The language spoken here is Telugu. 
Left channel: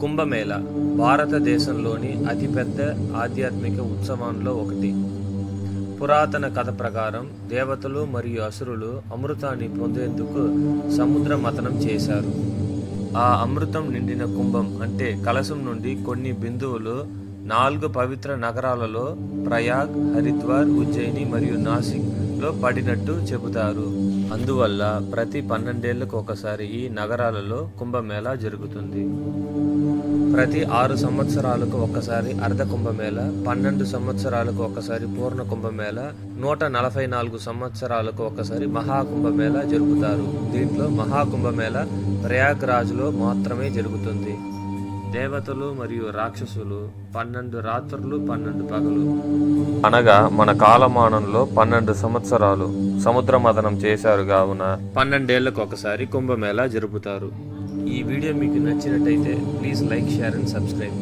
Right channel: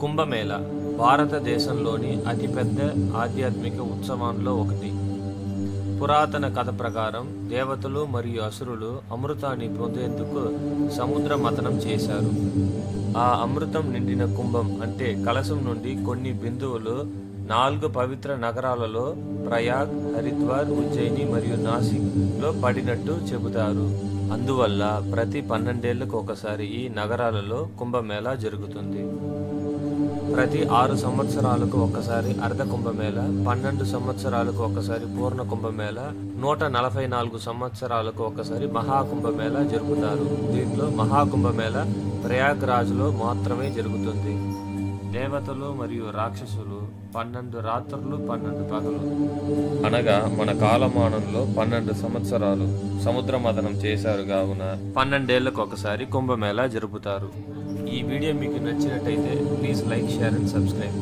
కుంభమేళ భారతదేశంలోని అతిపెద్ద ఆధ్యాత్మిక ఉత్సవాల్లో ఒకటి. పురాతన కథ ప్రకారం దేవతలు మరియు అసురులు అమృతాన్ని పొందేందుకు సముద్ర మథనం చేశారు. ఆ అమృతం నిండిన కుంభం అంటే కలశం నుండి కొన్ని బిందువులు నాలుగు పవిత్ర నగరాలలో ప్రయాగ్ హరిద్వార్ ఉజ్జయిని మరియు నాసిక్లో పడినట్టు చెబుతారు. అందువల్ల ప్రతి పన్నెండేళ్ళకు ఒకసారి ఈ నగరాలలో కుంభమేళా జరుగుతుంది. ప్రతి ఆరు సంవత్సరాలకు ఒకసారి అర్ధ కుంభమేళ పన్నెండు సంవత్సరాలకు ఒకసారి పూర్ణ కుంభమేళ నూట నలభై నాలుగు సంవత్సరాలకు ఒకసారి మహాకుంభమేళ జరుపుతారు. దీంట్లో మహాకుంభమేళ ప్రయాగ్రాజ్లో మాత్రమే జరుగుతుంది. దేవతలు మరియు రాక్షసులు పన్నెండు రాత్రులు పన్నెండు పగలు. అనగా మన కాలమానంలో పన్నెండు సంవత్సరాలు సముద్ర మథనం చేశారు కావున పన్నెండేళ్ళకు ఒకసారి కుంభమేళా జరుపుతారు. ఈ వీడియో మీకు నచ్చినట్టయితే please like share and subscribe.